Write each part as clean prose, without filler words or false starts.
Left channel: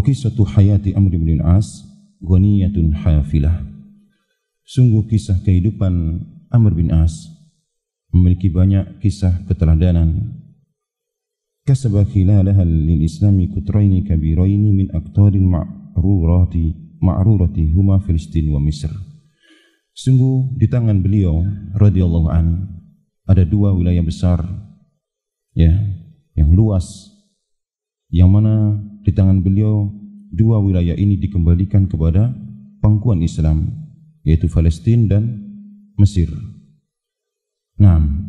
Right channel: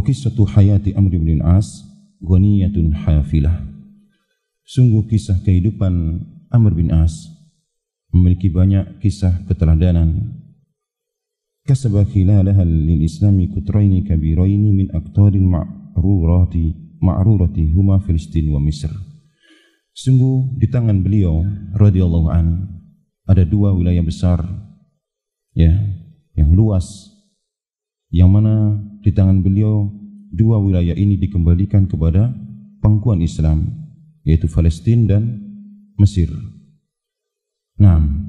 Wa qissatu hayati Amr bin al-As ghaniyatun hafilah. Sungguh kisah kehidupan Amr bin As memiliki banyak kisah keteladanan. Kasaba khilalaha lil islami kutraini kabiraini min aqtaril ma'rurati huma Filistin wa Misr. Sungguh di tangan beliau radhiyallahu anhu ada dua wilayah besar, ya, yang luas, yang mana di tangan beliau dua wilayah ini dikembalikan kepada pangkuan Islam, yaitu Palestina dan Mesir. Naam.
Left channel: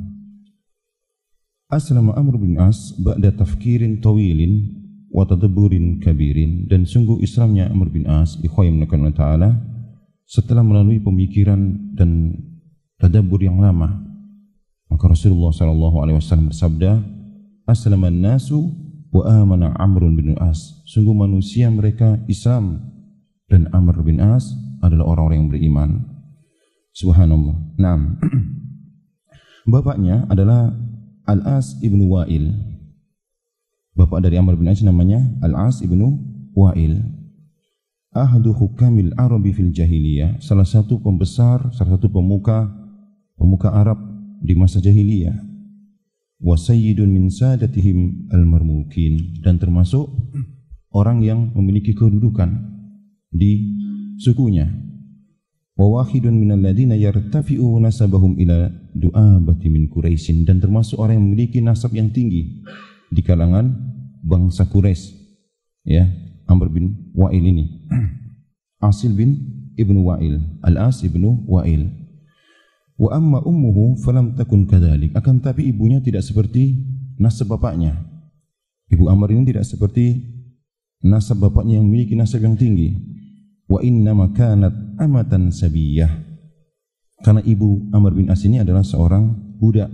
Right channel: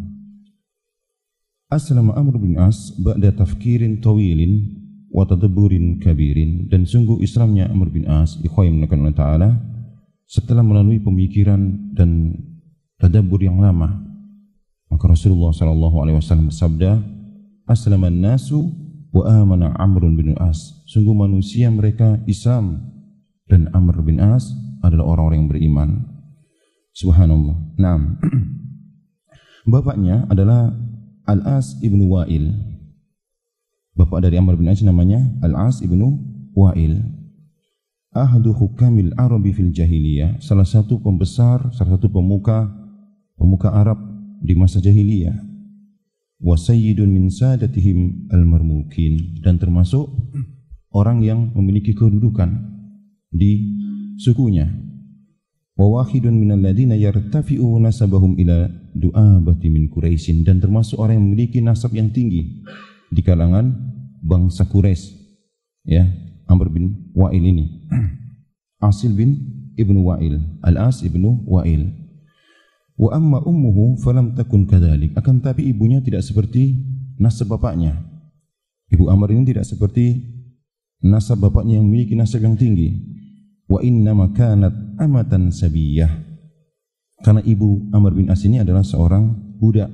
Aslama Amr bin As ba'da tafkirin tawilin wa tadabburin kabirin, dan sungguh Islamnya Amr bin As bikhairin ta'ala setelah melalui pemikiran dan tadabbur yang lama. Maka Rasulullah SAW bersabda, aslaman nasu wa amana Amr bin As. Sungguh manusia mereka Islam dan Amr bin As adalah orang-orang yang beriman. Subhanallah. Nah, bapaknya adalah Al-As ibnu Wa'il. Bapak dari Amr bin As namanya Al-As ibnu Wa'il. Ahadu hukamil Arabi fil jahiliyah, salah satu pemuka Arab di masa jahiliyah. Wa sayyidun min sadatihim al-marmukin, dan termasuk orang yang memiliki kedudukan di sukunya. Wa wahidun minal ladina yartafi'u nasabahum ila du'abati min Quraisyin, dan termasuk orang yang memiliki nasab yang tinggi di kalangan bangsa Quraisy, ya, Amr bin Wa'il ini. Asil bin ibnu Wa'il, Al-As ibnu Wa'il. Wa amma ummuhu falam takun kadzalik, akan tapi ibunya tidak seperti nasab bapaknya. Ibu Amr ini tidak seperti nasab bapaknya yang memiliki nasab yang tinggi. Wa inna ma kanat amatan sabiyah, karena ibu Amr bin As ini adalah seorang budak,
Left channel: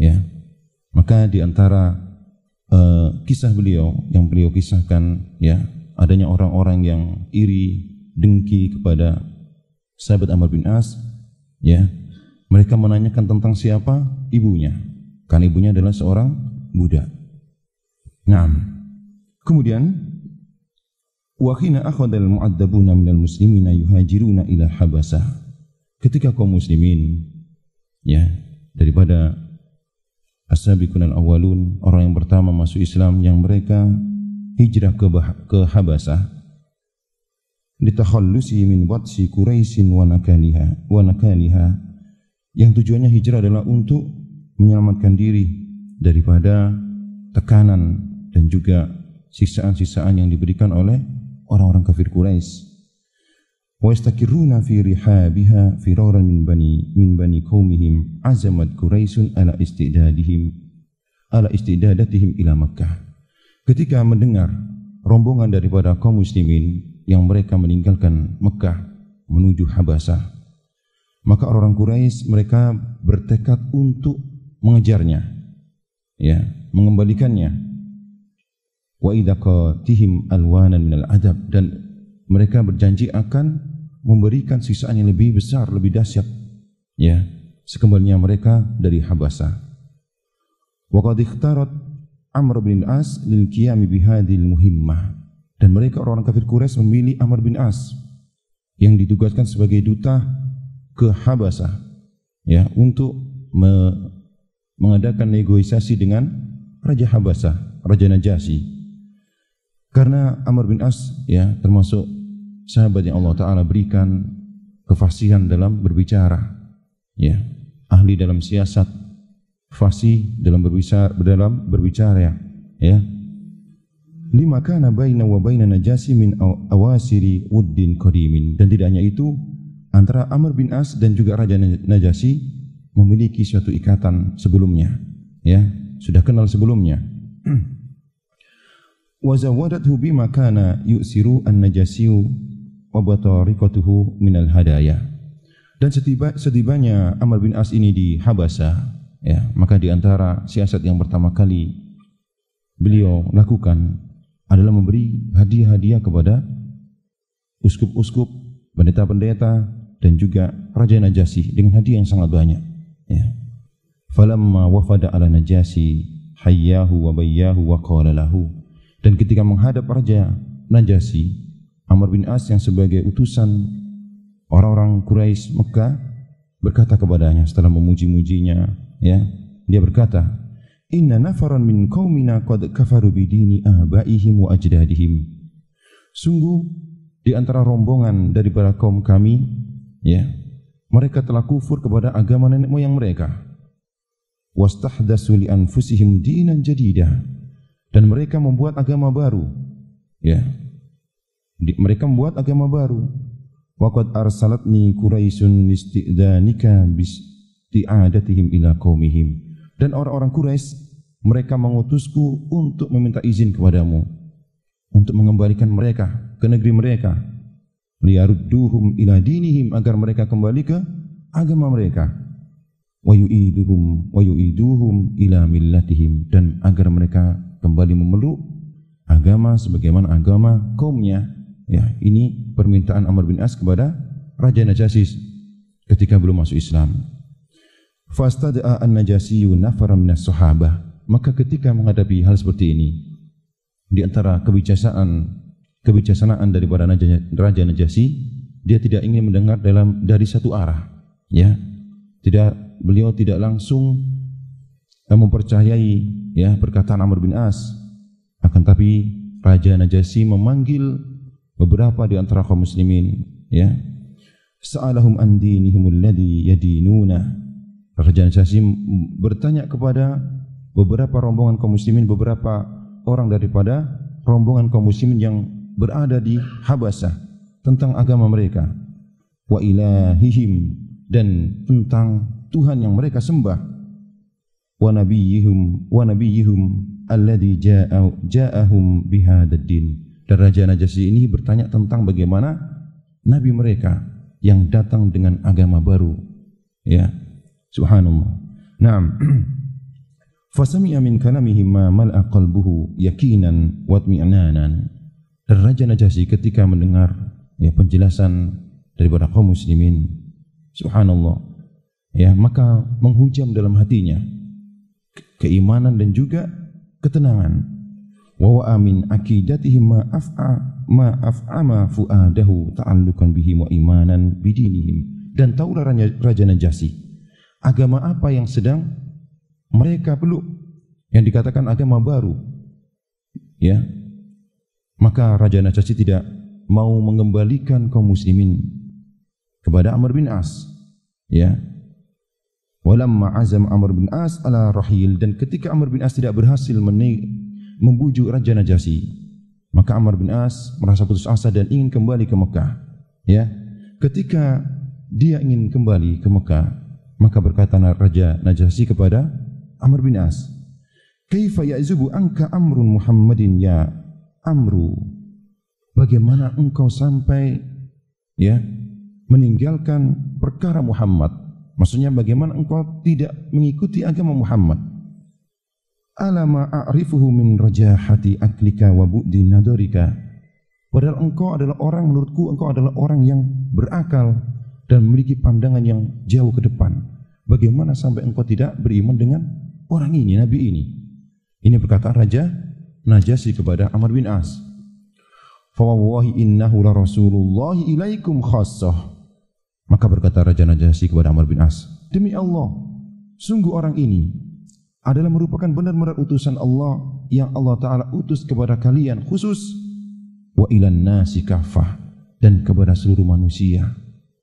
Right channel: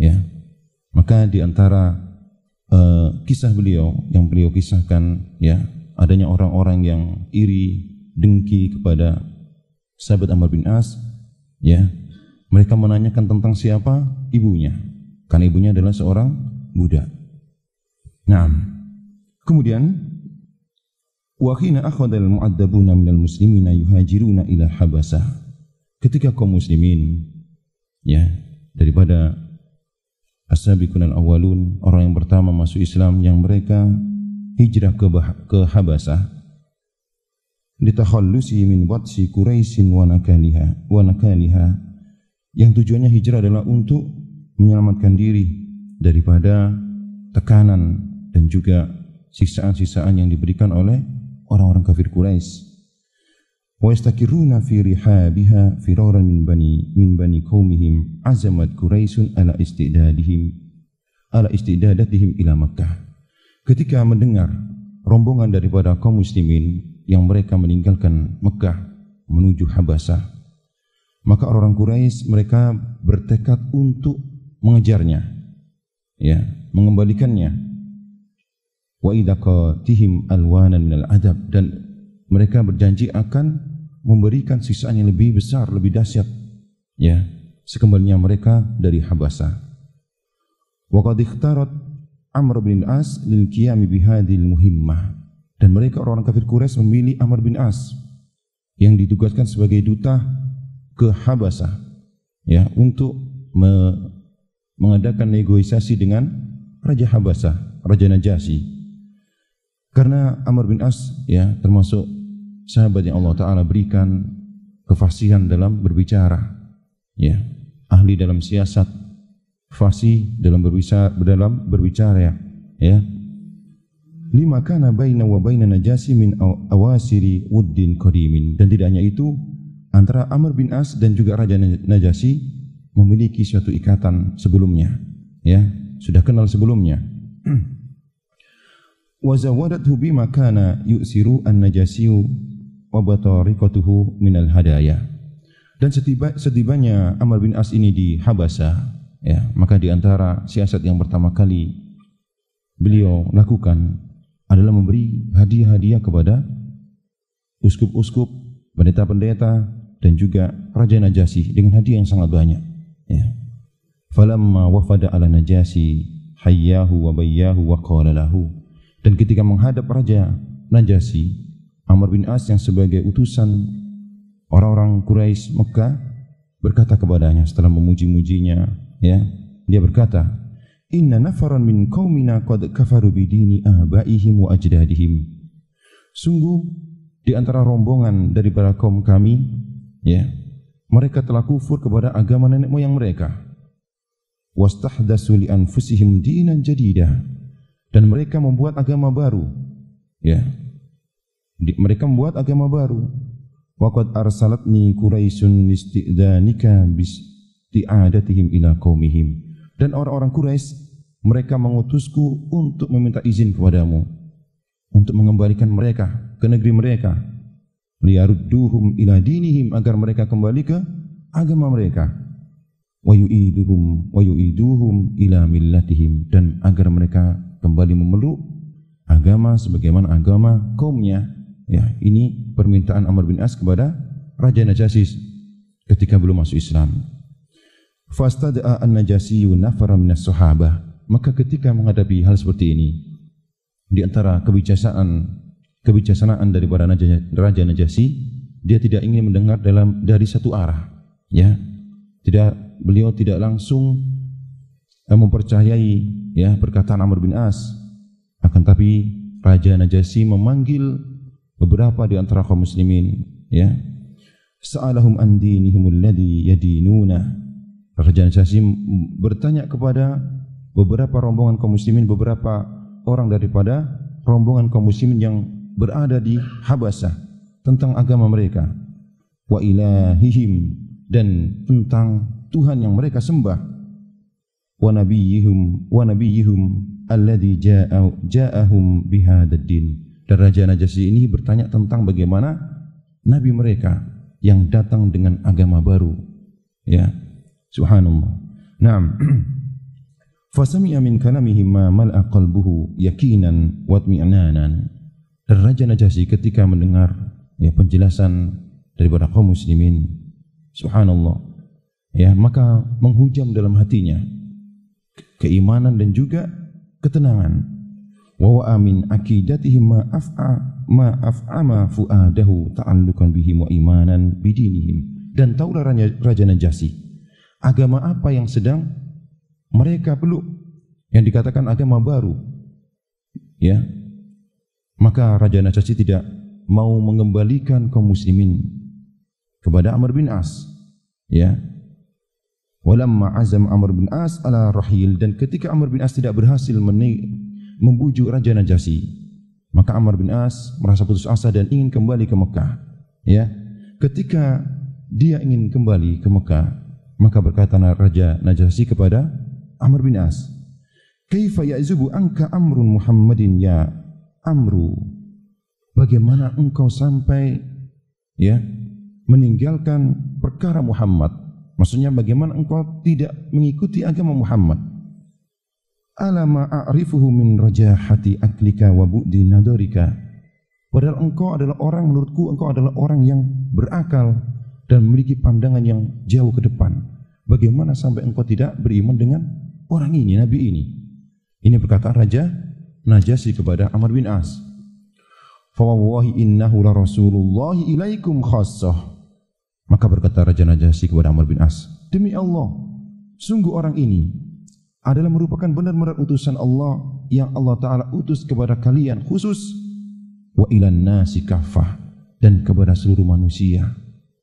ya. Maka di antara kisah beliau yang beliau kisahkan, ya, adanya orang-orang yang iri, dengki kepada sahabat Amr bin As, ya. Mereka menanyakan tentang siapa ibunya, karena ibunya adalah seorang budak. Nah, kemudian wa hina akhadhal mu'addabuna minal muslimina yuhajiruna ila Habasah. Ketika kaum muslimin, ya, daripada as-sabiqun al-awwalun, orang yang pertama masuk Islam, yang mereka hijrah ke Habasah, litakhallusi min batsi Quraisyin wa nakaliha, yang tujuannya hijrah adalah untuk menyelamatkan diri daripada tekanan dan juga siksaan-siksaan yang diberikan oleh orang-orang kafir Quraisy. Wa yastakiruna fi rihabiha firaran min bani qaumihim azamat Quraisyun ala istidadatihim ila Makkah. Ketika mendengar rombongan daripada kaum muslimin yang mereka meninggalkan Mekah menuju Habasah, maka orang Quraisy mereka bertekad untuk mengejarnya, ya, mengembalikannya. Wa idaqatihim alwanan minal adab, dan mereka berjanji akan memberikan siksaan yang lebih besar, lebih dahsyat, ya, sekembalinya mereka dari Habasah. Wa qad ikhtarat Amr bin As lil qiyam bihadhil muhimmah, dan mereka orang kafir Quraisy memilih Amr bin As yang ditugaskan sebagai duta ke Habasah, ya, untuk mengadakan negosiasi dengan Raja Habasah, Raja Najasyi. Karena Amr bin As, ya, termasuk sahabat yang Allah Ta'ala berikan kefasihan dalam berbicara, ya, ahli dalam siasat, fasih dalam berbicara, ya. Lima kana baina wa baina Najasyi min awasiri wuddin qadimin, dan tidak hanya itu, antara Amr bin As dan juga Raja Najasyi memiliki suatu ikatan sebelumnya, ya, sudah kenal sebelumnya. Wa zawadathu bima kana yusiru an-Najasyi wa batariqatuhu minal hadaya. Dan setibanya Amr bin As ini di Habasah, ya, maka di antara siasat yang pertama kali beliau lakukan adalah memberi hadiah-hadiah kepada uskup-uskup, pendeta-pendeta, dan juga Raja Najasyi dengan hadiah yang sangat banyak, ya. Falamma wafada ala Najasyi hayyahu wa bayyahu wa qala lahu, Dan ketika menghadap Raja Najasyi, Amr bin As yang sebagai utusan orang-orang Quraisy Mekah berkata kepadanya setelah memuji-mujinya, ya, dia berkata, "Inna nafaran min qaumina qad kafaru bidini abaihim wa ajdadihim." Sungguh di antara rombongan daripada kaum kami, ya, mereka telah kufur kepada agama nenek moyang mereka. Wastahdatsu li anfusihim dinan jadidah, dan mereka membuat agama baru, ya. Mereka membuat agama baru. Waqad arsalatni Quraisyun listi'dzanika bisti'adatihim ila qaumihim. Dan orang-orang Quraisy mereka mengutusku untuk meminta izin kepadamu untuk mengembalikan mereka ke negeri mereka, liyarudduhum ila dinihim, agar mereka kembali ke agama mereka, wa yu'iduhum ila millatihim, dan agar mereka kembali memeluk agama sebagaimana agama kaumnya. Ya, ini permintaan Amr bin As kepada Raja Najasyi ketika belum masuk Islam. Fastada'a an-Najasyi nafaran minas sahabah. Maka ketika menghadapi hal seperti ini, di antara kebijaksanaan daripada Raja Najasyi, dia tidak ingin mendengar dari satu arah, ya. Beliau tidak langsung mempercayai, ya, perkataan Amr bin As. Akan tapi Raja Najasyi memanggil beberapa di antara kaum muslimin, ya. Sa'alahum an dinihim alladhi yadinuna. Raja Najasyi bertanya kepada beberapa rombongan kaum muslimin, beberapa orang daripada rombongan kaum muslimin yang berada di Habasah tentang agama mereka, wa ilahihim, dan tentang Tuhan yang mereka sembah, wa nabiyyihum alladhi ja'ahum bihadzal din. Dan Raja Najasyi ini bertanya tentang bagaimana nabi mereka yang datang dengan agama baru, ya. Subhanallah. Naam. Fasami'a min kalamihim ma mal'a qalbuhu yaqinan wa itmi'nanan. Dan Raja Najasyi ketika mendengar, ya, penjelasan daripada kaum muslimin, subhanallah, ya, maka menghujam dalam hatinya keimanan dan juga ketenangan. Wa wa'a min aqidatihim ma af'ama fu'adahu ta'alluqan bihim wa imanan bidinihim. Dan taulah Raja Najasyi agama apa yang sedang mereka peluk, yang dikatakan agama baru, ya. Maka Raja Najasyi tidak mau mengembalikan kaum muslimin kepada Amr bin As, ya. Walamma azam Amr bin As ala rahil, dan ketika Amr bin As tidak berhasil membujuk Raja Najasyi, maka Amr bin As merasa putus asa dan ingin kembali ke Mekah, ya. Ketika dia ingin kembali ke Mekah, maka berkata Raja Najasyi kepada Amr bin As, "Kaifa ya'zubu anka amrun Muhammadin ya Amru?" Bagaimana engkau sampai, ya, meninggalkan perkara Muhammad? Maksudnya bagaimana engkau tidak mengikuti agama Muhammad? Alama a'rifuhu min rajahati aklika wa bu'di nadarika. Padahal engkau adalah orang, menurutku engkau adalah orang yang berakal dan memiliki pandangan yang jauh ke depan. Bagaimana sampai engkau tidak beriman dengan orang ini, nabi ini? Ini perkataan Raja Najasyi kepada Amr bin As. Fa wallahi innahu la rasulullah ilaikum khassah. Maka berkata Raja Najasyi kepada Amr bin As, "Demi Allah, sungguh orang ini adalah merupakan benar-benar utusan Allah yang Allah Ta'ala utus kepada kalian khusus, wa ilan nasi kaffah, dan kepada seluruh manusia."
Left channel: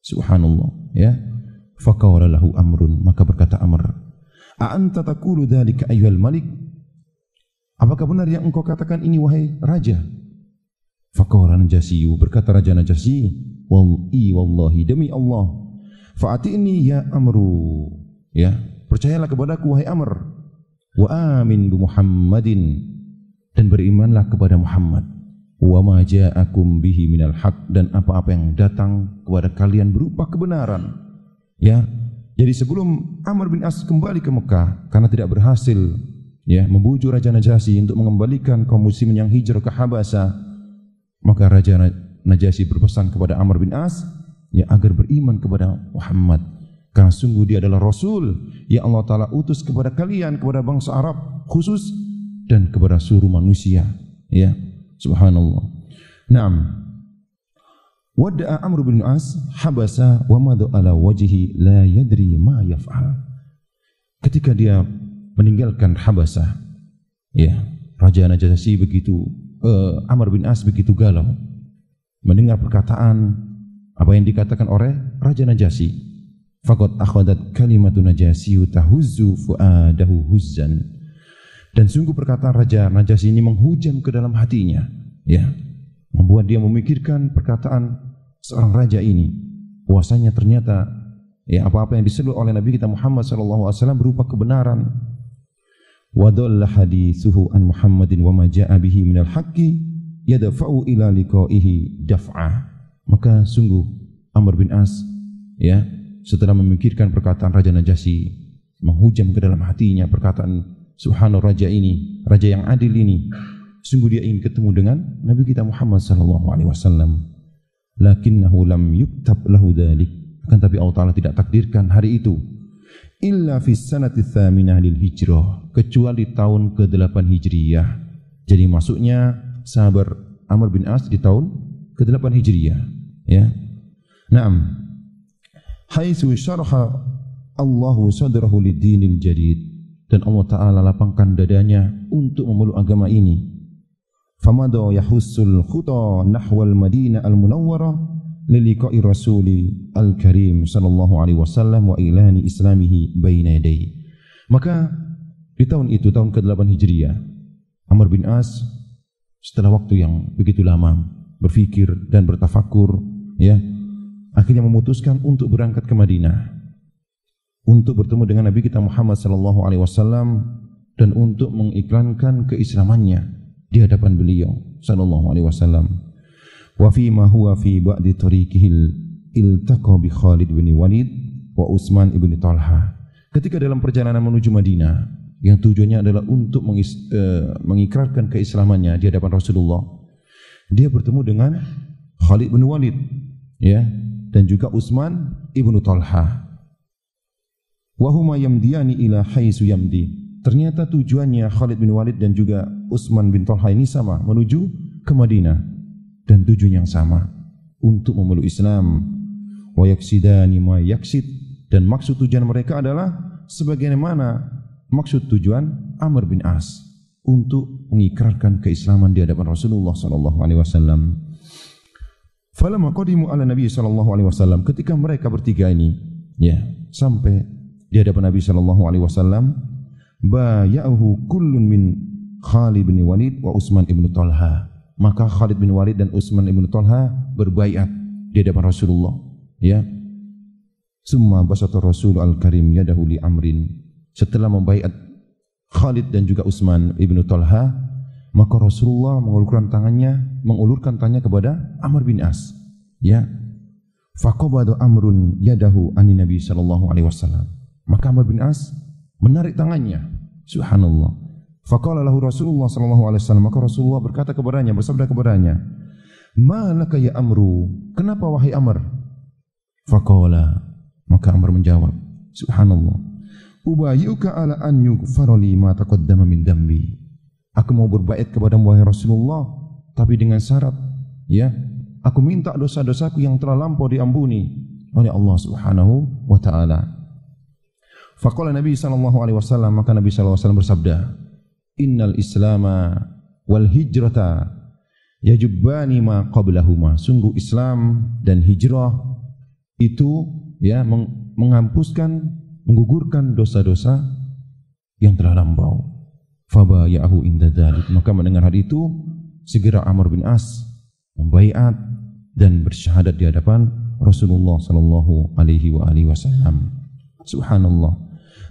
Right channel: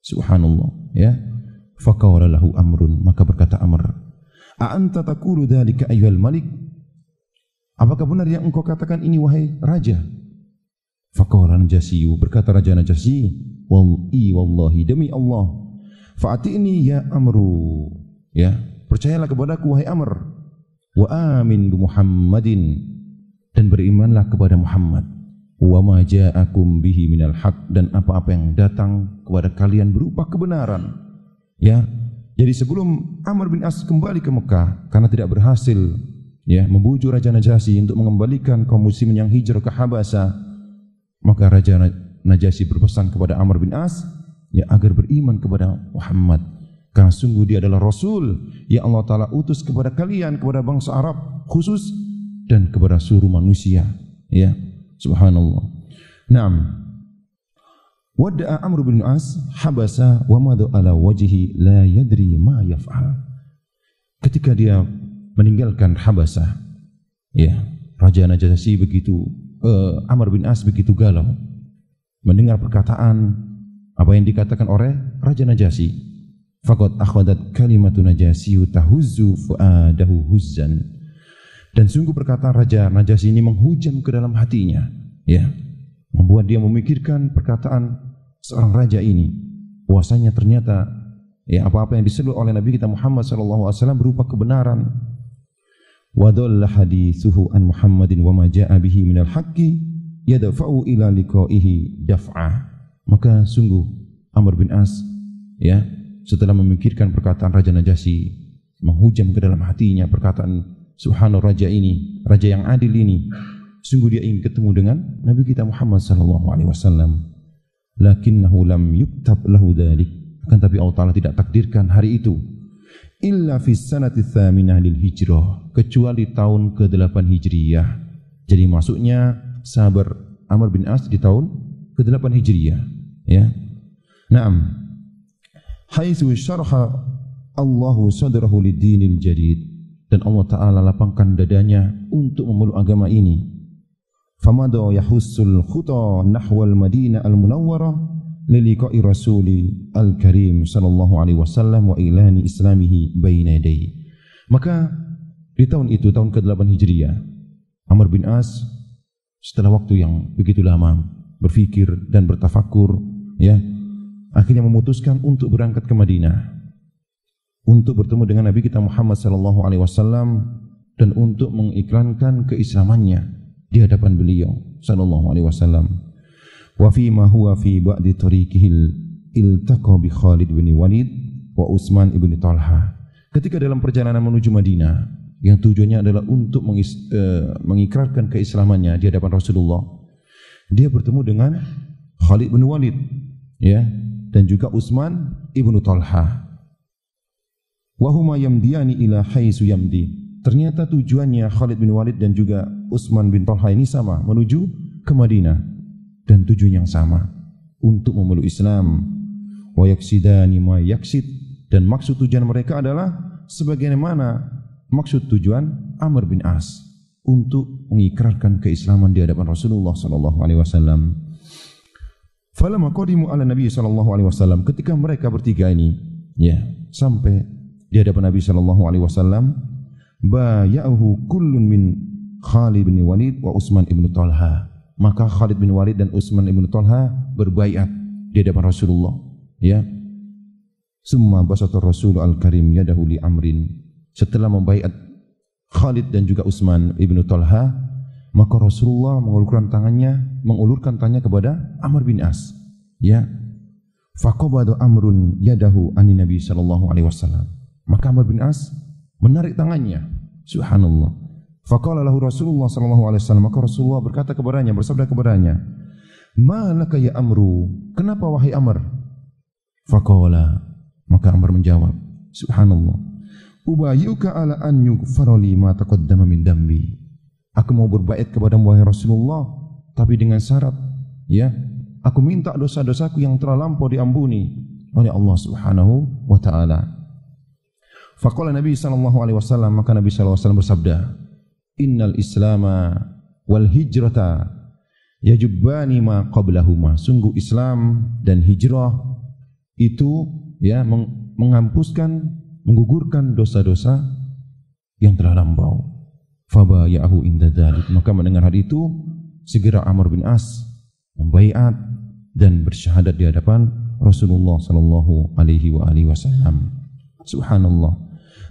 Subhanallah, ya. Faqala lahu Amrun, maka berkata Amr, "A'anta taqulu dzalika ayyuhal malik?" Apakah benar yang engkau katakan ini, wahai raja? Faqala Najasyi, berkata Raja Najasyi, wallahi, demi Allah, fa'atini ya Amru, ya, percayalah kepadaku wahai Amr, wa amin bi Muhammadin, dan berimanlah kepada Muhammad, wa ma ja'akum bihi minal haq, dan apa-apa yang datang kepada kalian berupa kebenaran, ya. Jadi sebelum Amr bin As kembali ke Mekah karena tidak berhasil, ya, membujuk Raja Najasyi untuk mengembalikan kaum muslimin yang hijrah ke Habasah, maka Raja Najasyi berpesan kepada Amr bin As, ya, agar beriman kepada Muhammad, karena sungguh dia adalah Rasul yang Allah Ta'ala utus kepada kalian, kepada bangsa Arab khusus, dan kepada seluruh manusia, Ya, subhanallah. Naam. Wada'a Amr bin As habasa wa madha ala wajhi la yadri ma yaf'al. Ketika dia meninggalkan Habasah, ya, Raja Najasyi begitu Amr bin As begitu galau mendengar perkataan apa yang dikatakan oleh Raja Najasyi. Faqad akhadat kalimatu Najasyi tahuzzu fuadahu huzzan. Dan sungguh perkataan Raja Najasyi ini menghujam ke dalam hatinya, ya, membuat dia memikirkan perkataan seorang raja ini, bahwasanya ternyata ya apa-apa yang diseru oleh Nabi kita Muhammad sallallahu alaihi wasallam berupa kebenaran. Wa dhalla hadithuhu an Muhammadin wa ma jaa'a bihi minal haqqi yadfa'u ila liqa'ihi daf'a. Maka sungguh Amr bin As, ya, setelah memikirkan perkataan Raja Najasyi, menghujam ke dalam hatinya perkataan subhanallah raja ini, raja yang adil ini. Sungguh dia ingin ketemu dengan Nabi kita Muhammad sallallahu alaihi wasallam. Lakinnahu lam yuktab lahu dzalik. Akan tapi Allah Ta'ala tidak takdirkan hari itu. Illa fi sanati tsaminah lil hijrah, kecuali tahun ke-8 Hijriyah. Jadi masuknya sabar Amr bin As di tahun ke-8 Hijriyah, ya. Naam. Haitsu syarha Allahu sadrahu lid-dinil jadid, dan Allah Ta'ala lapangkan dadanya untuk memeluk agama ini. Famada yahussul khuta nahwal Madinah al-Munawwarah liliqa'i Rasuli al-Karim sallallahu alaihi wasallam wa ilani islamihi baina yadayhi. Maka di tahun itu, tahun ke-8 Hijriah, Amr bin As setelah waktu yang begitu lama berfikir dan bertafakur, ya, akhirnya memutuskan untuk berangkat ke Madinah untuk bertemu dengan Nabi kita Muhammad sallallahu alaihi wasallam dan untuk mengiklankan keislamannya di hadapan beliau sallallahu alaihi wasallam. Wa fi ma huwa fi ba'di tariqihi iltaqa bi Khalid bin Walid wa Utsman ibn Talha. Ketika dalam perjalanan menuju Madinah yang tujuannya adalah untuk mengikrarkan keislamannya di hadapan Rasulullah, dia bertemu dengan Khalid bin Walid, ya, dan juga Utsman ibn Talha. Wa huma yamdiyani ila haitsu yamdi. Ternyata tujuannya Khalid bin Walid dan juga Utsman bin Talha ini sama, menuju ke Madinah, dan tujuan yang sama, untuk memeluk Islam. Wa yaksidani ma yaksid, dan maksud tujuan mereka adalah sebagaimana maksud tujuan Amr bin As, untuk mengikrarkan keislaman di hadapan Rasulullah sallallahu alaihi wasallam. Falamma qadimu ala Nabi sallallahu alaihi wasallam, ketika mereka bertiga ini, ya, sampai di hadapan Nabi sallallahu alaihi wasallam, baya'ahu kullun min Khalid bin Walid wa Utsman ibn Talha. Maka Khalid bin Walid dan Utsman ibn Talha berbaiat di hadapan Rasulullah, ya. Summa basata Rasul al-Karim yadahu li Amrin. Setelah membaiat Khalid dan juga Utsman ibn Talha, maka Rasulullah mengulurkan tangannya kepada Amr bin As, ya. Faqabada Amrun yadahu ani Nabi sallallahu alaihi wasallam. Maka Amr bin As menarik tangannya. Subhanallah. Faqala lahu Rasulullah sallallahu alaihi wasallam, maka Rasulullah berkata kepadanya, bersabda kepadanya, "Ma laka ya Amru?" Kenapa wahai Amr? Faqala, maka Amr menjawab, subhanallah, "Ubayyuka ala an yughfara li ma taqaddama min dambi." Aku mau berbait kepadamu wahai Rasulullah, tapi dengan syarat, ya, aku minta dosa-dosaku yang telah lampau diampuni oleh Allah Subhanahu wa taala. Faqala Nabi sallallahu alaihi wasallam, maka Nabi sallallahu alaihi wasallam bersabda, "Innal Islama wal hijrata yajubbani ma qablahuma." Sungguh Islam dan hijrah itu, ya, menghapuskan, menggugurkan dosa-dosa yang telah lampau. Fabaya'ahu inda dzalik. Maka mendengar hal itu, segera Amr bin As membaiat dan bersyahadat di hadapan Rasulullah sallallahu alaihi wasallam. Subhanallah.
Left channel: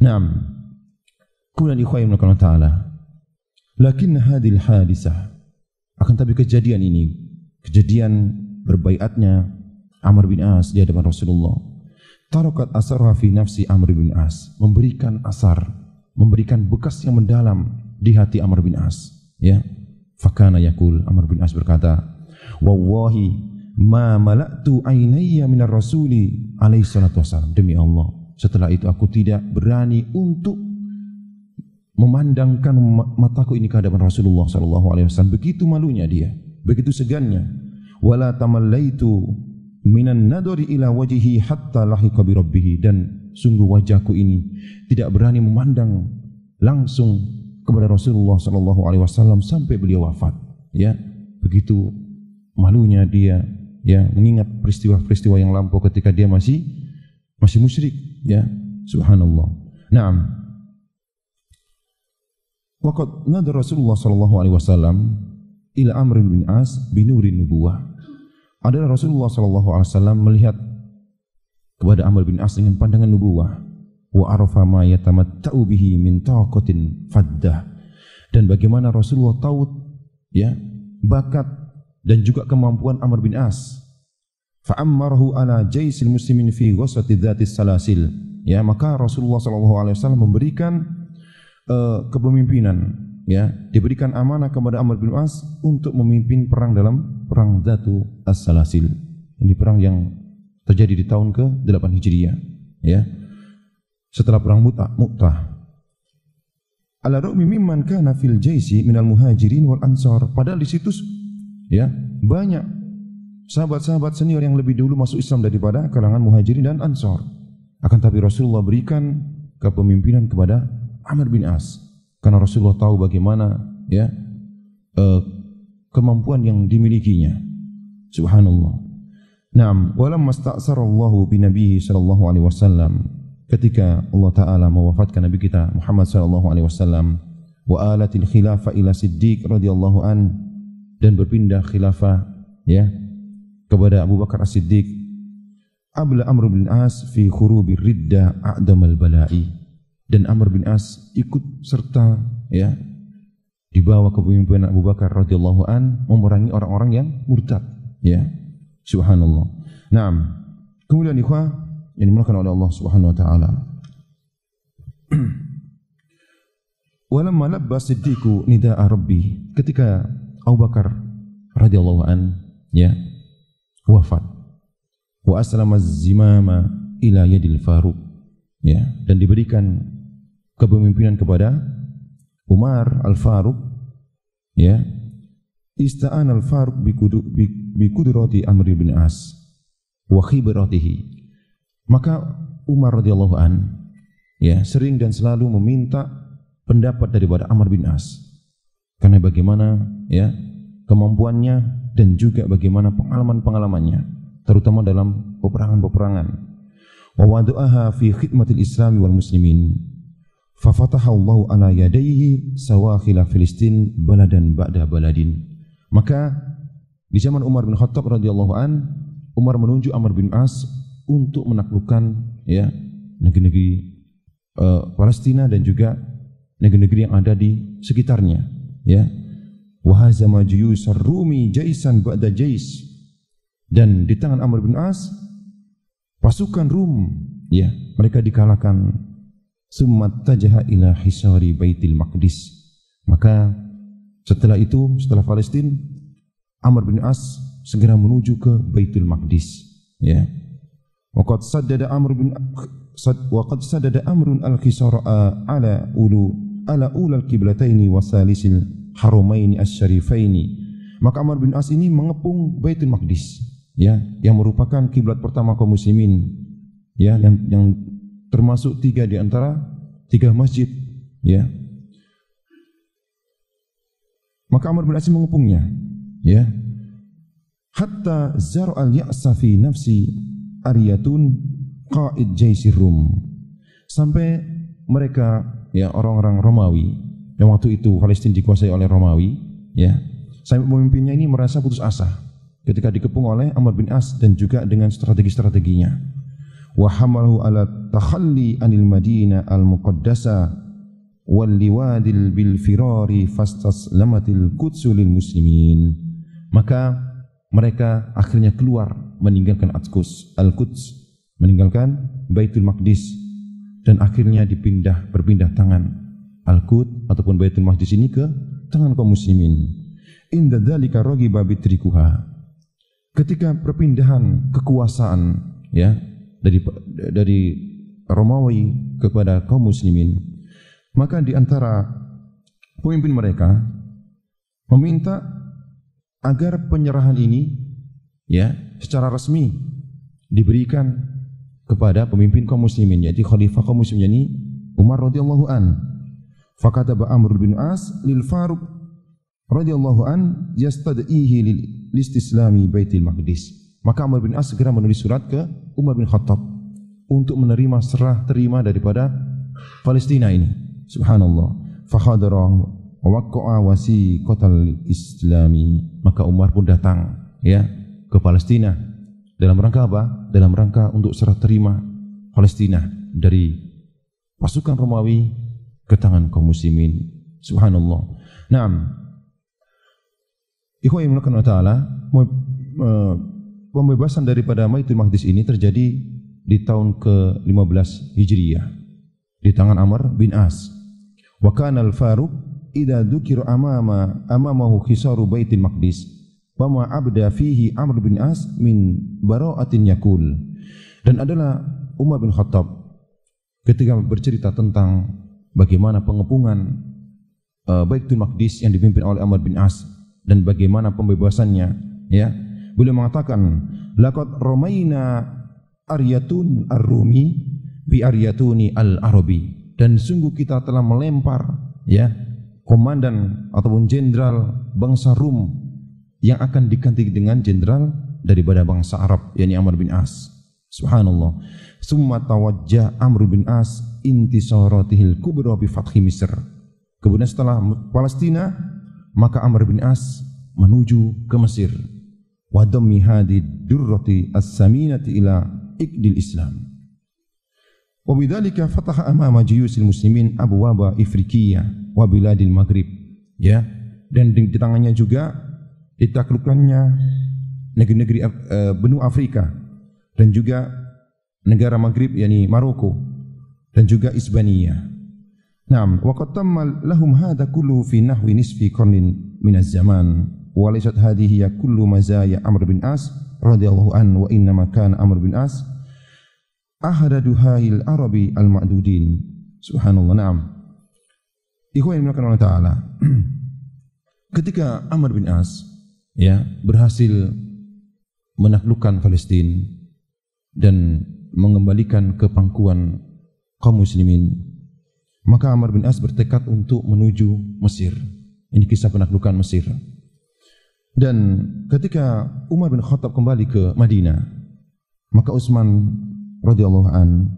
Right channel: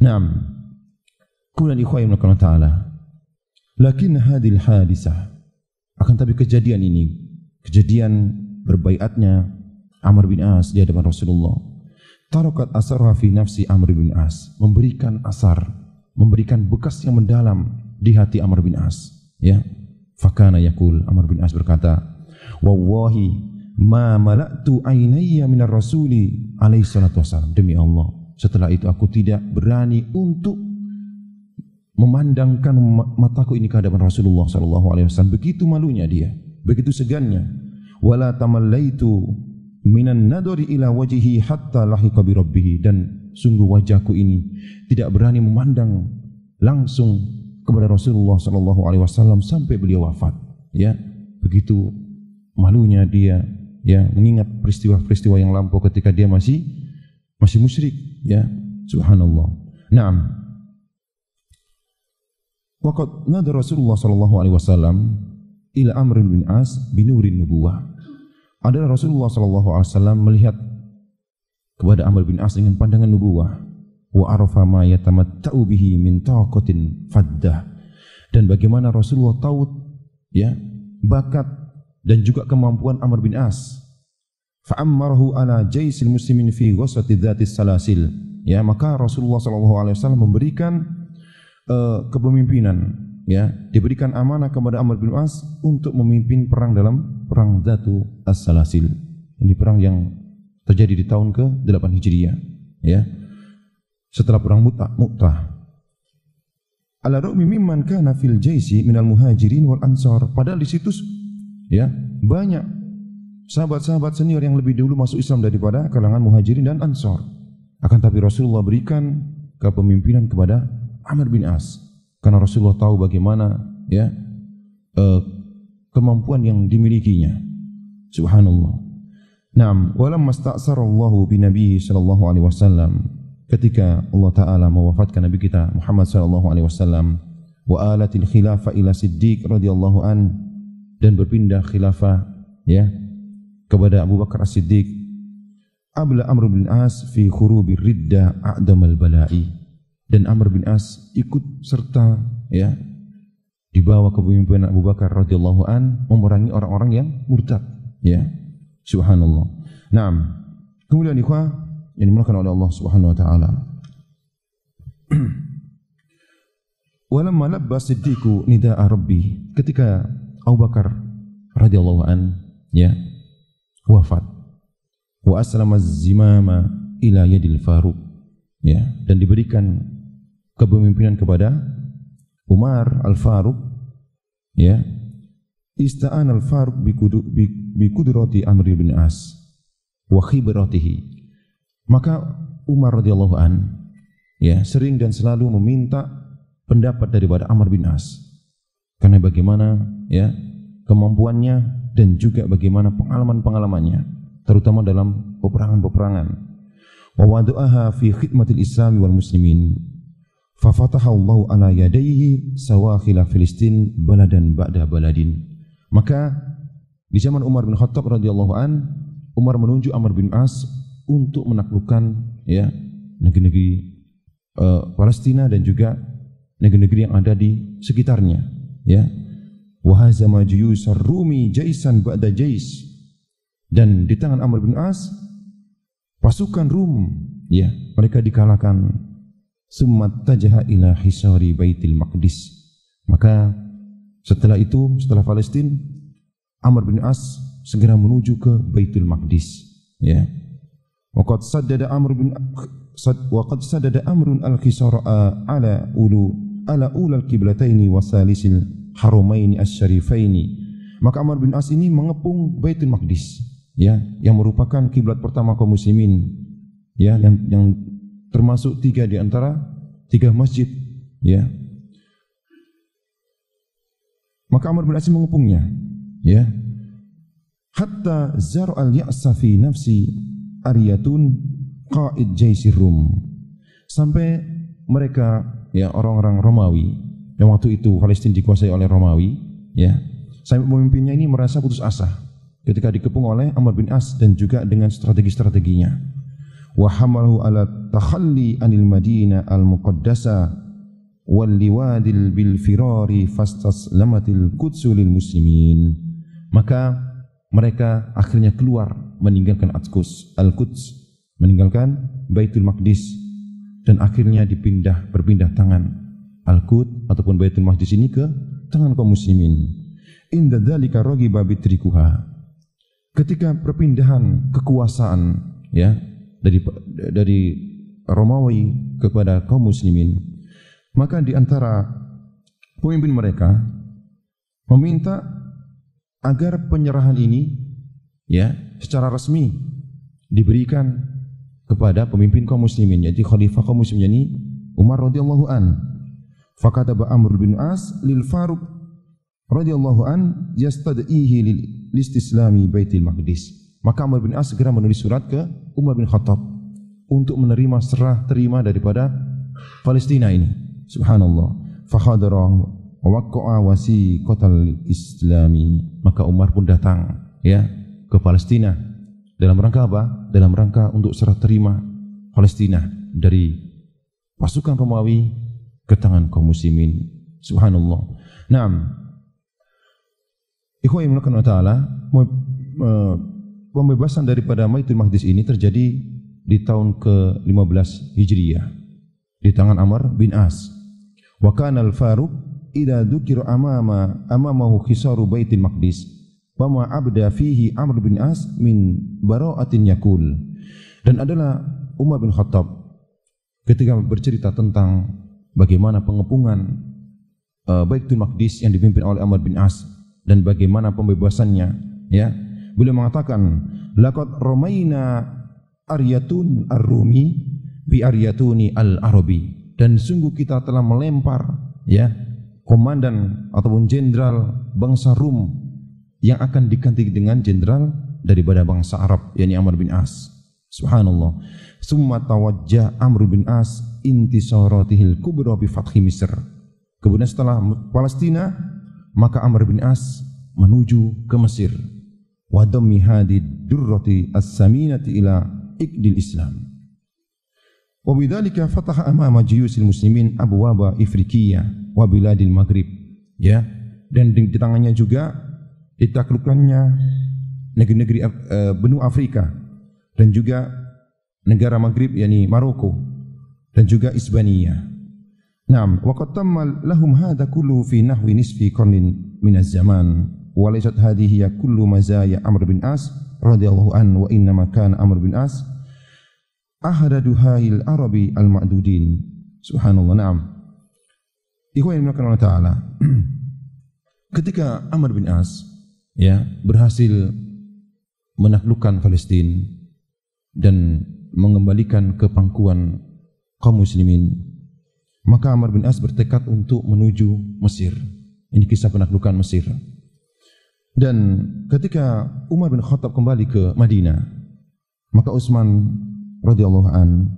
Naam. Qul li khayrin Allah Ta'ala. Lakin hadhil hadisah, akan tapi kejadian ini, kejadian berbaiatnya Amr bin As di hadapan Rasulullah, tarakat asarha fi nafsi Amr bin As, memberikan asar, memberikan bekas yang mendalam di hati Amr bin As, ya. Fakana yaqul, Amr bin As berkata, "Wallahi ma mala'tu ainayya minar rasuli alaihi salatu wasallam." Demi Allah, setelah itu aku tidak berani untuk memandangkan mataku ini ke hadapan Rasulullah sallallahu alaihi wasallam. Begitu malunya dia, begitu segannya. Wala tamallaitu minan nadari ila wajhihi hatta lahiqa bi rabbih, dan sungguh wajahku ini tidak berani memandang langsung kepada Rasulullah sallallahu alaihi wasallam sampai beliau wafat. Ya, begitu malunya dia, ya, mengingat peristiwa-peristiwa yang lampau ketika dia masih musyrik, ya. Subhanallah. Naam. Waqad nadara Rasulullah sallallahu alaihi wasallam ila Amr bin As bi nurin nubuwah. Adalah Rasulullah sallallahu alaihi wasallam melihat kepada Amr bin As dengan pandangan nubuwah. Wa arafa ma yatamatta'u bihi min taqatin faddah. Dan bagaimana Rasulullah tahu, ya, bakat dan juga kemampuan Amr bin As. Fa'ammarahu ala jaisil muslimin fi ghaswati dzatis salasil. Ya, maka Rasulullah sallallahu alaihi wasallam memberikan kepemimpinan, ya, diberikan amanah kepada Amr bin As untuk memimpin perang dalam perang Dzatu As-Salasil. Ini perang yang terjadi di tahun ke-8 Hijriah, ya. Setelah perang Mu'tah. Ala ra'mi mimman kana fil jaisi minal muhajirin wal ansar. Padahal di situ, ya, banyak sahabat-sahabat senior yang lebih dulu masuk Islam daripada kalangan muhajirin dan ansar. Akan tapi Rasulullah berikan kepemimpinan kepada Amr bin As karena Rasulullah tahu bagaimana, ya, kemampuan yang dimilikinya. Subhanallah. Naam, walamma sta'sara Allah bi Nabi sallallahu alaihi wasallam, ketika Allah taala mewafatkan nabi kita Muhammad sallallahu alaihi wasallam, wa alatil khilafah ila Siddiq radhiyallahu an, dan berpindah khilafah, ya, kepada Abu Bakar As-Siddiq. Abla Amr bin As fi khurubir ridda a'damal bala'i, dan Amr bin As ikut serta, ya, di bawah kepemimpinan Abu Bakar radhiyallahu an memerangi orang-orang yang murtad, ya. Subhanallah. Naam. Kemudian ikhwah yang dimulakan oleh Allah Subhanahu wa taala. Walamma labba Siddiqu nida'a rabbi, ketika Abu Bakar radhiyallahu an, ya, wafat, wa aslama az-zimama ila yadil Faruq, ya, dan diberikan kepemimpinan kepada Umar Al-Faruq, ya. Ista'an Al-Faruq bi qudrati Amr bin As wa khibratihi. Maka Umar radhiyallahu an, ya, sering dan selalu meminta pendapat daripada Amr bin As karena bagaimana, ya, kemampuannya dan juga bagaimana pengalaman-pengalamannya terutama dalam peperangan-peperangan. Wa wadu'aha fi khidmatil Islam wal muslimin. Fa fataha Allah ala yadayhi sawakhil Filistin baladan ba'da baladin. Maka di zaman Umar bin Khattab radhiyallahu an, Umar menunjuk Amr bin As untuk menaklukkan, ya, negeri-negeri Palestina dan juga negeri-negeri yang ada di sekitarnya, ya. Wa hazama juyusar Rumi jaisan ba'da jais, dan di tangan Amr bin As pasukan Rum, ya, mereka dikalahkan. Summa tajaha ila hisari Baitul Maqdis. Maka setelah itu, setelah Palestina, Amr bin As segera menuju ke Baitul Maqdis, ya. Waqad saddada Amrun al-khisara ala ulal qiblataini wa salisil haramaini asy-syarifaini. Maka Amr bin As ini mengepung Baitul Maqdis, ya, yang merupakan kiblat pertama kaum muslimin, ya, yang termasuk 3 di antara 3 masjid, ya. Maka Amr bin As mengepungnya, ya. Hatta zar al-ya'sa fi nafsi Ariyatun qaid jaisir Rum, sampai mereka, ya, orang-orang Romawi yang waktu itu Palestina dikuasai oleh Romawi, ya, sampai pemimpinnya ini merasa putus asa ketika dikepung oleh Amr bin As dan juga dengan strategi-strateginya. Wa hamalahu ala takhalli anil madinah al-muqaddasa wal liwadil bil firari fastaslamatil qudsu lil muslimin. Maka mereka akhirnya keluar meninggalkan Al-Quds, meninggalkan Baitul Maqdis, dan akhirnya berpindah tangan Al-Quds ataupun Baitul Maqdis ini ke tangan kaum muslimin. Inda dzalika ragiba bitrikuha. Ketika perpindahan kekuasaan, ya, dari Romawi kepada kaum muslimin, Maka di antara pemimpin mereka meminta agar penyerahan ini ya secara resmi diberikan kepada pemimpin kaum muslimin, yaitu khalifah kaum muslimin ini Umar radhiyallahu an. Fakataba Amr bin As lil Faruq radhiyallahu an yastad'ihi lil istislami Baitul Maqdis. Maka Amr bin As segera menulis surat ke Umar bin Khattab untuk menerima serah terima daripada Palestina ini. Subhanallah. Fakhadara wa waqa'a wasiqatal islami. Maka Umar pun datang ya ke Palestina. Dalam rangka apa? Dalam rangka untuk serah terima Palestina dari pasukan Romawi ke tangan kaum muslimin. Subhanallah. Naam. Ikhwan fillah taala, pembebasan daripada Baitul Maqdis ini terjadi di tahun ke-15 Hijriah di tangan Amr bin As. Wa kana al-Faruq idza dzukira amamahu khisaru Baitul Maqdis wa ma abda fihi Amr bin As min bara'atin yakul. Dan adalah Umar bin Khattab ketika bercerita tentang bagaimana pengepungan Baitul Maqdis yang dipimpin oleh Amr bin As dan bagaimana pembebasannya ya, beliau mengatakan laqad ramaina aryatun ar-rumi bi aryatuni al-arabi, dan sungguh kita telah melempar ya komandan ataupun jenderal bangsa Rum yang akan diganti dengan jenderal daripada bangsa Arab, yakni Amr bin As. Subhanallah. Summa tawajjah Amr bin As intisaratihil kubra bi fathi Misr. Kemudian setelah Palestina, maka Amr bin As menuju ke Mesir. Wa dammi hadi durrati as-saminati ila iqdil Islam. Wa bidzalika fataha amama juyusil muslimin abwaba Afrikiyah wa biladil Maghrib. Ya, dan di tangannya juga ditaklukkannya negeri-negeri benua Afrika dan juga negara Maghrib, yakni Maroko dan juga Isbania. Naam, wa qad tamma lahum hadha kullu fi nahwi nisfi qarnin min az-zaman. Wa laysat hadhihi kullu mazaya Amr bin As radhiyallahu anhu, wa inna ma kana Amr bin As ahada duhail arabi al-ma'dudin. Subhanallah. Naam. Ikhwan fillah taala. Ketika Amr bin As ya berhasil menaklukkan Palestina dan mengembalikan ke pangkuan kaum muslimin, maka Amr bin As bertekad untuk menuju Mesir. Ini kisah penaklukan Mesir. Dan ketika Umar bin Khattab kembali ke Madinah, maka Utsman radhiyallahu an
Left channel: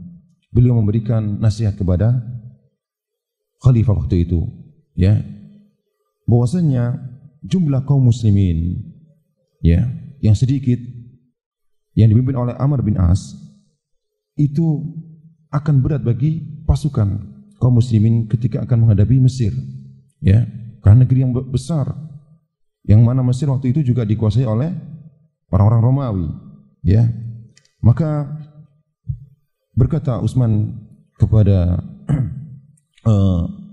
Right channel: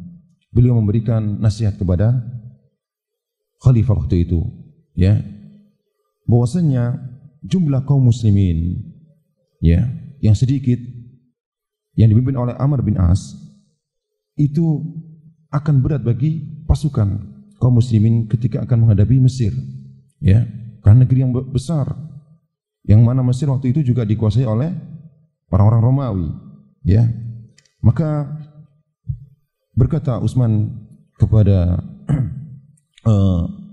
beliau memberikan nasihat kepada khalifah waktu itu ya, bahwasanya jumlah kaum muslimin ya yang sedikit yang dipimpin oleh Amr bin As itu akan berat bagi pasukan kaum muslimin ketika akan menghadapi Mesir ya, karena negeri yang besar, yang mana Mesir waktu itu juga dikuasai oleh orang-orang Romawi ya. Maka berkata Utsman kepada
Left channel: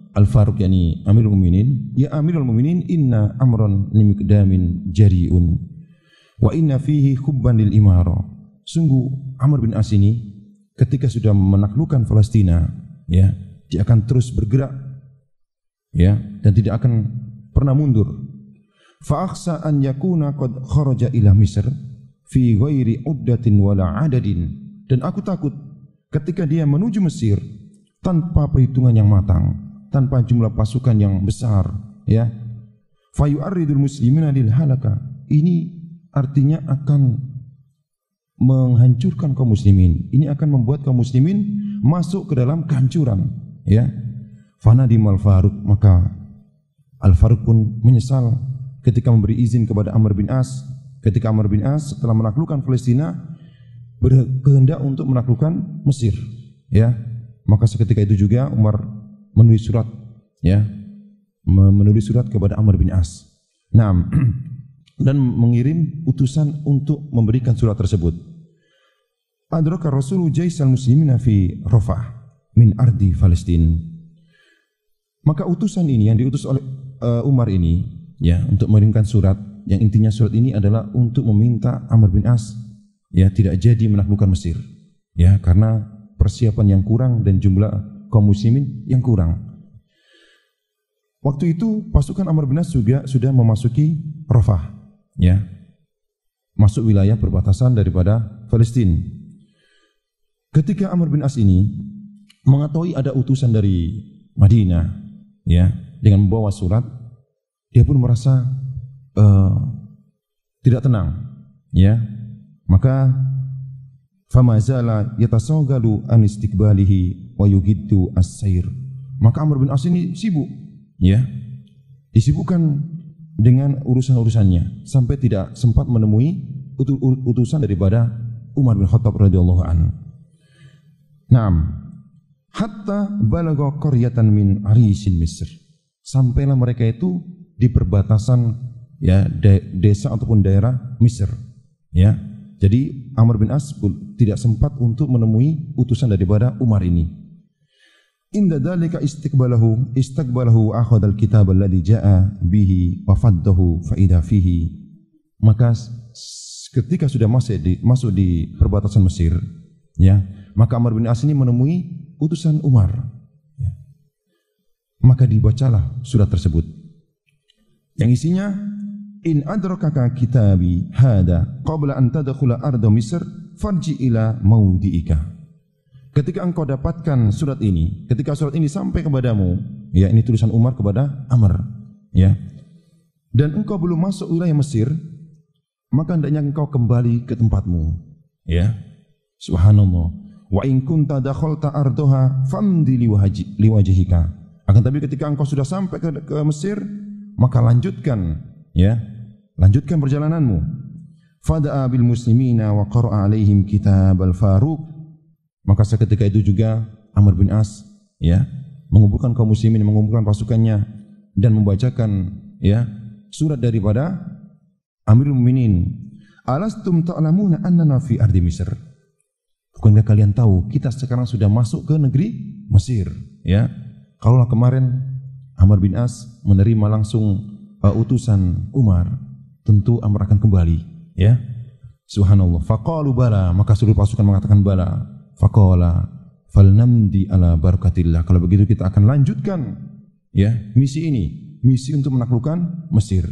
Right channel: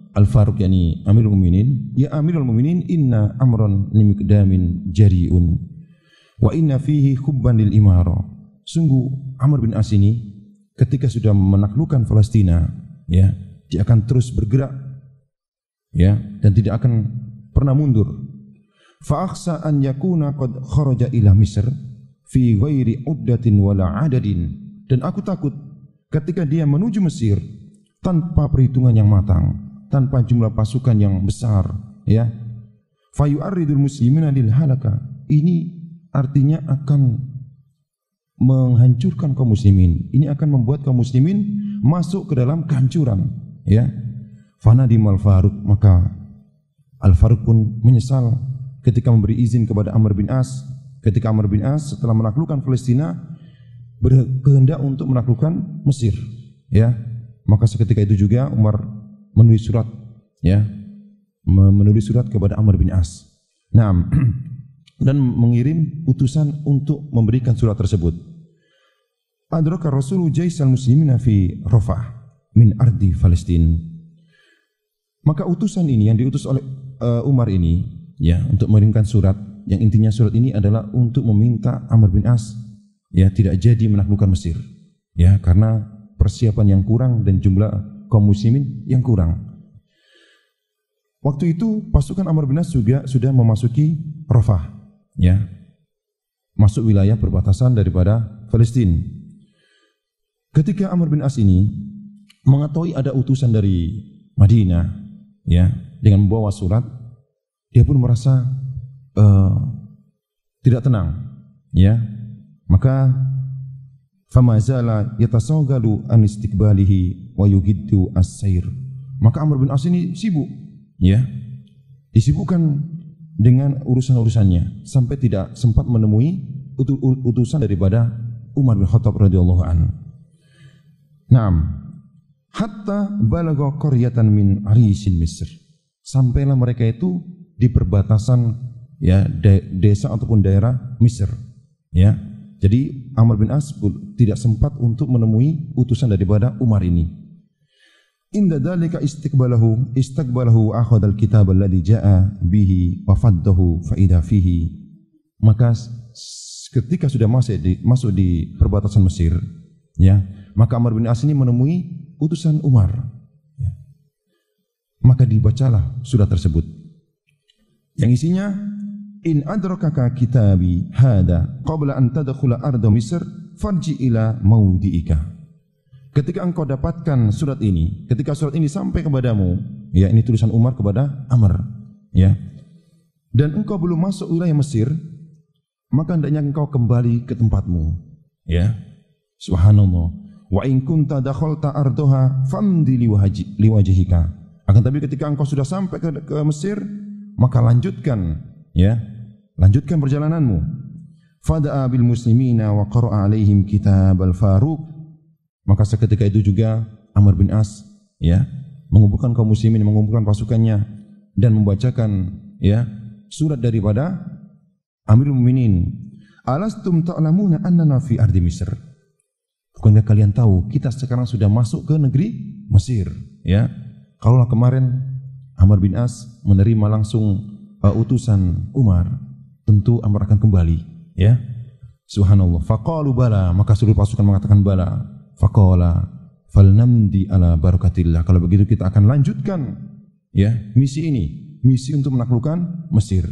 Al-Faruq, yakni Amirul Mukminin, ya Amirul Mukminin, inna amran limikdamin jari'un wa inna fihi hubban lil imara. Sungguh Amr bin As ini ketika sudah menaklukkan Palestina ya, dia akan terus bergerak ya, dan tidak akan pernah mundur. Fa akhsa an yakuna qad kharaja ila Misr fi ghairi uddatin wala adadin. Dan aku takut ketika dia menuju Mesir tanpa perhitungan yang matang, tanpa jumlah pasukan yang besar ya, fa yu'arridul muslimina lil halaka. Ini artinya akan menghancurkan kaum muslimin. Ini akan membuat kaum muslimin masuk ke dalam kehancuran ya. Fanadimal Faruq, maka Al-Faruq pun menyesal ketika memberi izin kepada Amr bin As. Ketika Amr bin As setelah menaklukkan Palestina berkehendak untuk menaklukkan Mesir ya, maka seketika itu juga Umar menulis surat ya, menulis surat kepada Amr bin As. Nah, dan mengirim utusan untuk memberikan surat tersebut. Adraka Rasul jaisal muslimina fi Rafah min ardi Palestin. Maka utusan ini yang diutus oleh Umar ini ya untuk mengirimkan surat, yang intinya surat ini adalah untuk meminta Amr bin As ya tidak jadi menaklukkan Mesir ya, karena persiapan yang kurang dan jumlah kaum muslimin yang kurang. Waktu itu pasukan Amr bin As juga sudah memasuki Rafah, ya, masuk wilayah perbatasan daripada Palestina. Ketika Amr bin As ini mengetahui ada utusan dari Madinah, ya, dengan membawa surat, dia pun merasa tidak tenang, ya. Maka fama zala yatasawgalu an istiqbalihi wa yugiddu as-sayr. Maka Amr bin As ini sibuk, ya, disibukkan dengan urusan-urusannya sampai tidak sempat menemui utusan daripada Umar bin Khattab radhiyallahu anhu. Naam, hatta balagha qaryatan min arisin Misr. Sampailah mereka itu di perbatasan, ya, desa ataupun daerah Mesir, ya. Jadi Amr bin As tidak sempat untuk menemui utusan daripada Umar ini. Inda dzalika istaqbalahu akhadha al-kitab alladhi jaa bihi wa faddahu fa idha fihi. Maka ketika sudah masuk di perbatasan Mesir, ya, maka Amr bin As ini menemui utusan Umar, ya. Maka dibacalah surat tersebut yang isinya, in adrakaka kitabi hada qabla an tadkhula arda Misr farji ila maudiika. Ketika engkau dapatkan surat ini, ketika surat ini sampai kepadamu, ya, ini tulisan Umar kepada Amr, ya, dan engkau belum masuk wilayah Mesir, maka hendaknya engkau kembali ke tempatmu, ya. Subhanallah. Wa in kunta dakhalta ardaha famdi liwajhika. Akan tapi ketika engkau sudah sampai ke Mesir, maka lanjutkan, ya, lanjutkan perjalananmu. Fada'a bil muslimina wa qara'a alaihim kitab al-Faruq. Maka seketika itu juga Amr bin As, ya, mengumpulkan kaum muslimin, mengumpulkan pasukannya dan membacakan, ya, surat daripada Amirul Mukminin. Alastum ta'lamuna annana fi ardi Misr. Bukankah kalian tahu kita sekarang sudah masuk ke negeri Mesir, ya? Kalaulah kemarin Amr bin As menerima langsung utusan Umar, tentu Amr akan kembali, ya. Subhanallah. Faqalu bala, maka seluruh pasukan mengatakan bala. Faqala falnamdi ala barakatillah. Kalau begitu kita akan lanjutkan, ya, misi ini, misi untuk menaklukkan Mesir.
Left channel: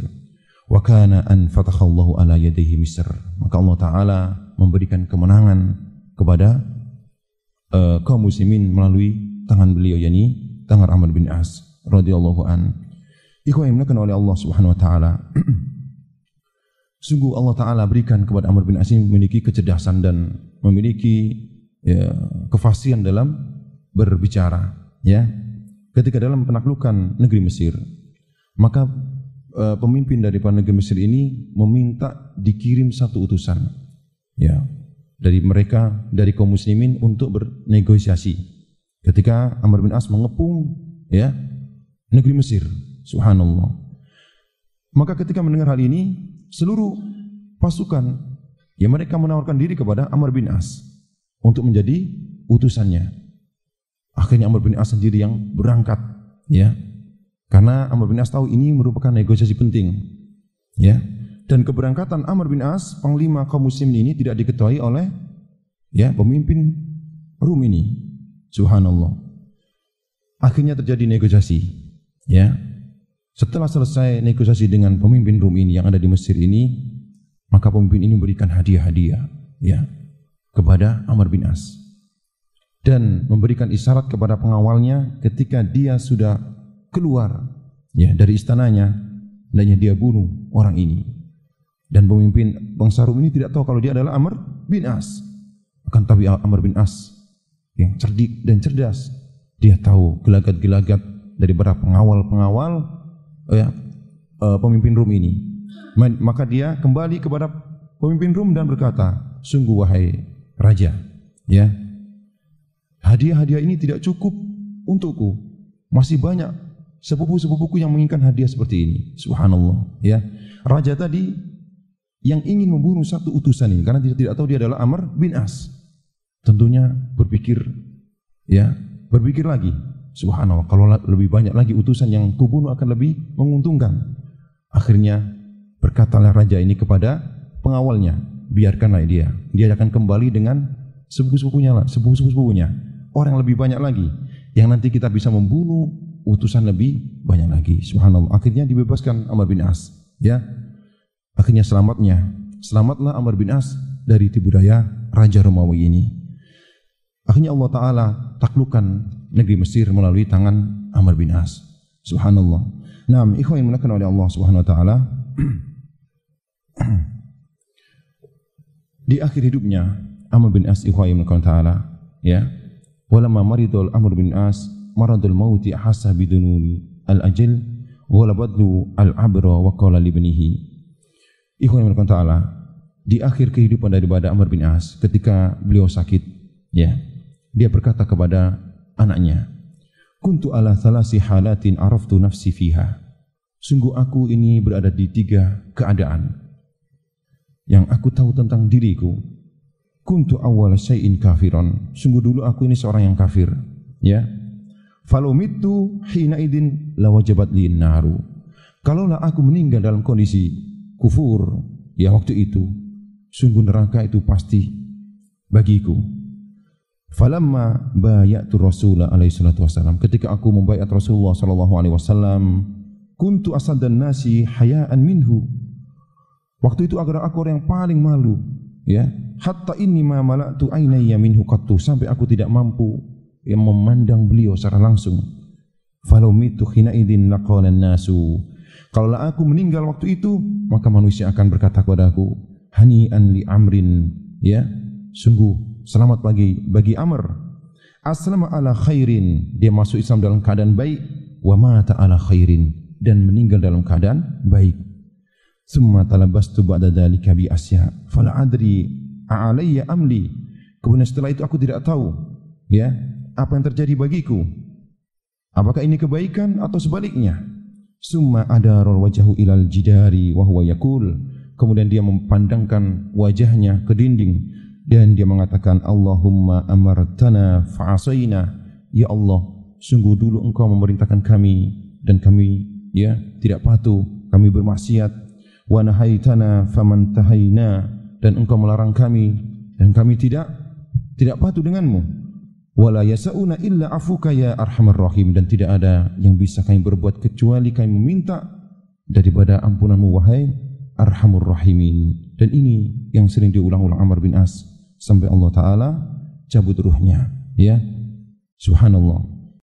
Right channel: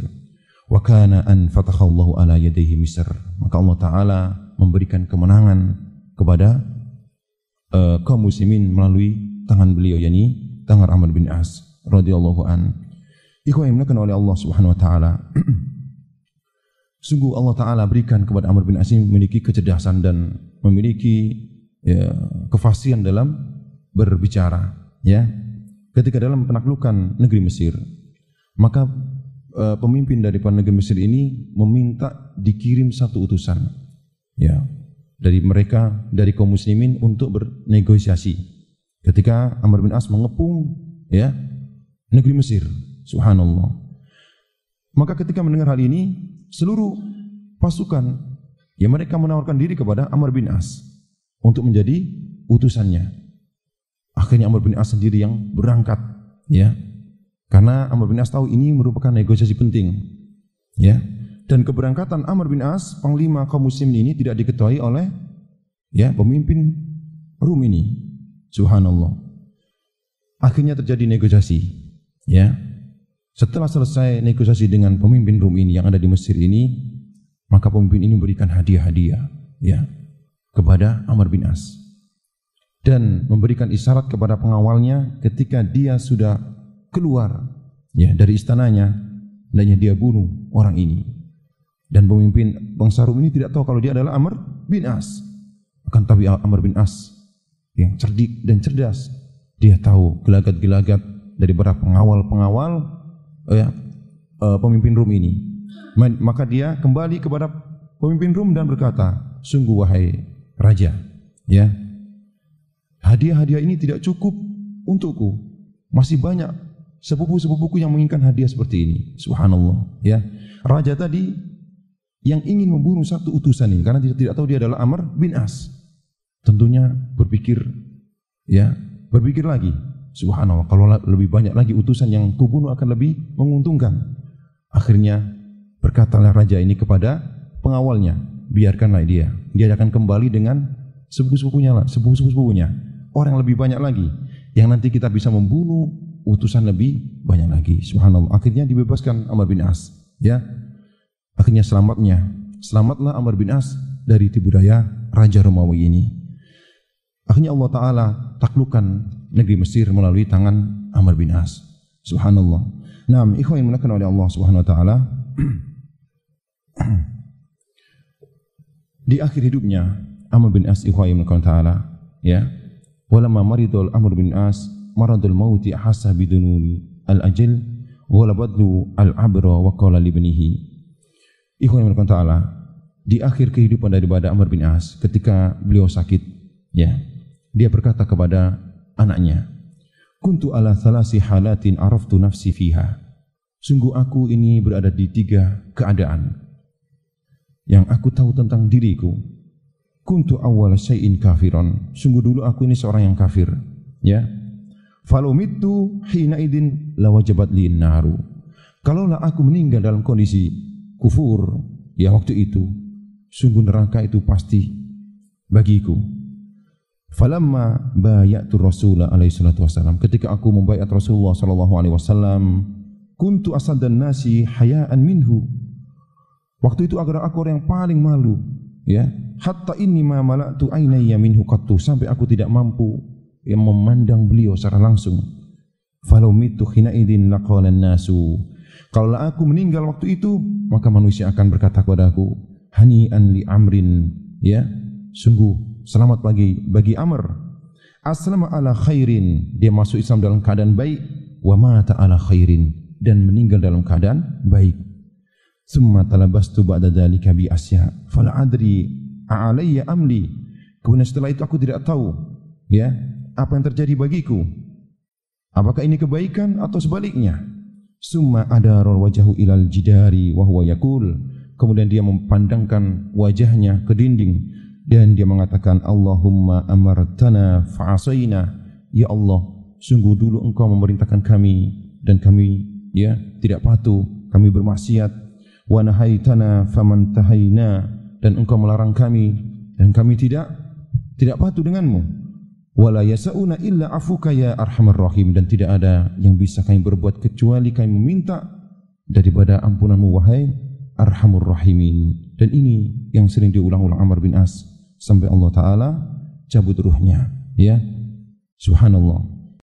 Wa kana an fatakhallahu ala yadayhi Misr. Maka Allah Taala memberikan kemenangan kepada kaum muslimin melalui tangan beliau, yakni tangan Amr bin As radhiyallahu an. Ikhwan yang dimuliakan oleh Allah Subhanahu wa taala. Sungguh Allah Taala berikan kepada Amr bin As memiliki kecerdasan dan memiliki, ya, kefasihan dalam berbicara, ya. Ketika dalam penaklukan negeri Mesir, maka pemimpin dari negeri Mesir ini meminta dikirim satu utusan, ya, dari mereka, dari kaum muslimin untuk bernegosiasi. Ketika Amr bin As mengepung, ya, negeri Mesir, subhanallah. Maka ketika mendengar hal ini, seluruh pasukan, ya, mereka menawarkan diri kepada Amr bin As untuk menjadi utusannya. Akhirnya Amr bin As sendiri yang berangkat, ya, karena Amr bin As tahu ini merupakan negosiasi penting, ya. Dan keberangkatan Amr bin As, panglima kaum muslimin ini, tidak diketahui oleh, ya, pemimpin Rum ini. Subhanallah. Akhirnya terjadi negosiasi, ya. Setelah selesai negosiasi dengan pemimpin Rum ini yang ada di Mesir ini, maka pemimpin ini memberikan hadiah-hadiah, ya, kepada Amr bin As dan memberikan isyarat kepada pengawalnya ketika dia sudah keluar, ya, dari istananya, hendaknya dia bunuh orang ini. Dan pemimpin bangsa Rum ini tidak tahu kalau dia adalah Amr bin As. Akan tapi Amr bin As yang cerdik dan cerdas, dia tahu gelagat-gelagat dari beberapa pengawal-pengawal, ya, pemimpin Rum ini. Maka dia kembali kepada pemimpin Rum dan berkata, sungguh wahai raja, ya, hadiah-hadiah ini tidak cukup untukku. Masih banyak sepupu-sepupuku yang menginginkan hadiah seperti ini. Subhanallah, ya. Raja tadi yang ingin membunuh satu utusan ini karena tidak tahu dia adalah Amr bin As. Tentunya berpikir, ya, berpikir lagi. Subhanallah, kalau lebih banyak lagi utusan yang kubunuh akan lebih menguntungkan. Akhirnya berkatalah raja ini kepada pengawalnya, biarkanlah dia akan kembali dengan sepupu-sepupunya, orang yang lebih banyak lagi, yang nanti kita bisa membunuh utusan lebih banyak lagi. Subhanallah. Akhirnya dibebaskan Amr bin As. Ya, akhirnya selamatlah Amr bin As dari tipu daya Raja Romawi ini. Akhirnya Allah Ta'ala taklukkan negeri Mesir melalui tangan Amr bin As. Subhanallah. Naam, ikhwan yang dimuliakan oleh Allah Subhanahu Wa Ta'ala. Di akhir hidupnya Amr bin As, ikhwan yang dimuliakan Ta'ala, ya, walamma maridul Amr bin As maradul mauti ahassa bidununi al-ajal wala badlu al-abra wa qala li ibnihi. Ikhwan yang dimuliakan Ta'ala, di akhir kehidupan daripada Amr bin As, ketika beliau sakit, ya, dia berkata kepada anaknya, kuntu ala thalasi halatin araftu nafsi fiha. Sungguh aku ini berada di 3 keadaan yang aku tahu tentang diriku. Kuntu awwal syai'in kafiron. Sungguh dulu aku ini seorang yang kafir, ya. Falau mittu hina idin lawajabat li'in naru. Kalaulah aku meninggal dalam kondisi kufur, ya, waktu itu sungguh neraka itu pasti bagiku. Falamma bayatu Rasulullah alaihi salatu wasallam, ketika aku membaiat Rasulullah sallallahu alaihi wasallam, kuntu asaddan nasi hayaan minhu. Waktu itu agar aku orang yang paling malu, ya. Hatta inni ma mala'tu ainayya minhu qattu, sampai aku tidak mampu yang memandang beliau secara langsung. Falau mitu hina idin laqala nasu. Kalau aku meninggal waktu itu, maka manusia akan berkata kepadaku, hani'an li amrin, ya, sungguh selamat bagi Amr. Aslama ala khairin, dia masuk Islam dalam keadaan baik. Wa mata ala khairin, dan meninggal dalam keadaan baik. Summa talabastu ba'da dzalika bi asya fala adri a'alayya amli. Kemudian setelah itu aku tidak tahu, ya, apa yang terjadi bagiku. Apakah ini kebaikan atau sebaliknya? Summa adara wajhahu ilal jidari wa huwa yaqul. Kemudian dia memandangkan wajahnya ke dinding dan dia mengatakan, Allahumma amartana fa'asayna. Ya Allah, sungguh dulu engkau memerintahkan kami dan kami, ya, tidak patuh, kami bermaksiat. Wa nahaitana famantahayna, dan engkau melarang kami dan kami tidak patuh denganmu. Wa la yasa'una illa afuka ya arhamar rahim, dan tidak ada yang bisa kami berbuat kecuali kami meminta daripada ampunanmu wahai arhamur rahimin. Dan ini yang sering diulang-ulang Amr bin As sampai Allah Ta'ala cabut ruhnya, ya. Subhanallah.